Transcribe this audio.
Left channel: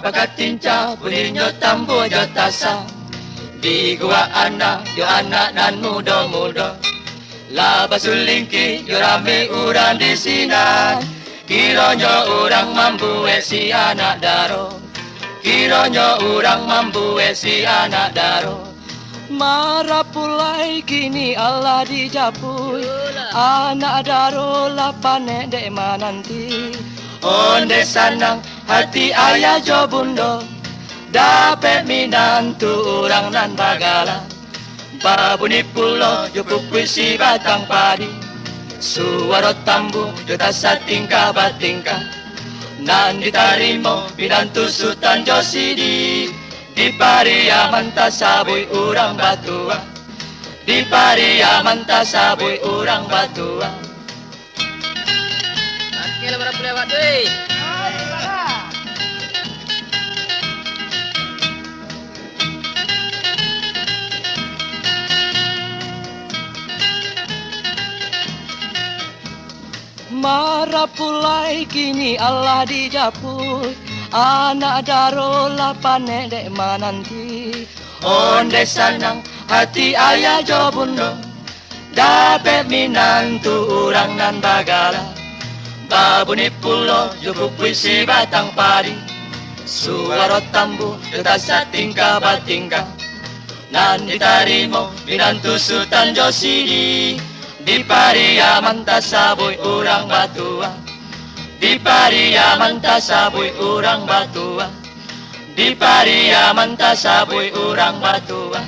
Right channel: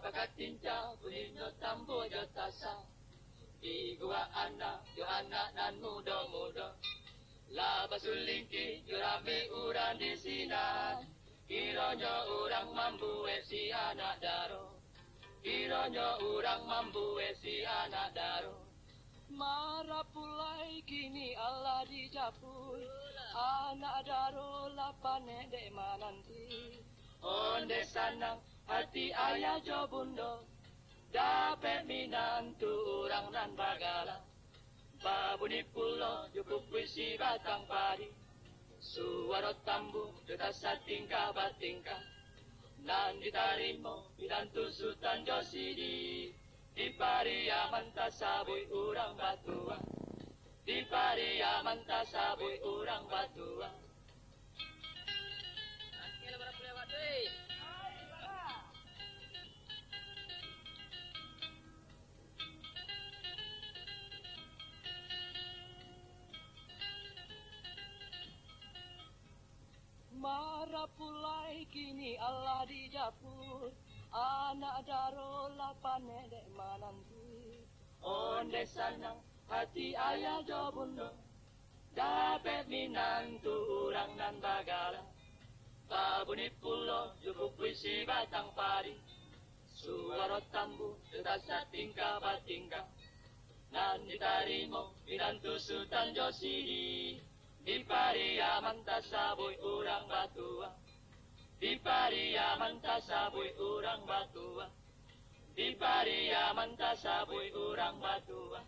bakatinca bunyinya tambu jo tasa. Di gua anak yo anak nan muda-muda. Laba sulingki yo rame urang di sini. Kiranya orang mampu si anak daro. Kiranya orang mampu si anak daro. Marah pulai kini Allah dijapui. Anak daro lapane dek mananti. Onde sanang hati ayah jo bundo. Dapat minantu orang nan bagala. Babuni pulo jo puisi batang padi. Suara tambu jo tasa tingkah batingkah. Nan ditarimo minantu Sultan Josidi. Di pariaman tasabui urang batua. Di pariaman tasabui urang batua. Akil berapa lewat deh? Marah pulai kini Allah dijapui. Anak daro lapane dek mananti. Onde sanang hati ayah jo bundo. Dapat minantu orang nan bagala. Babuni pulo jo puisi batang padi. Suara tambu tasa tingkah batingkah. Nan ditarimo minantu Sultan Josidi. Di pariaman tasabui urang batua. Di pariaman tasabui urang batua. Di pariaman tasabui urang batua.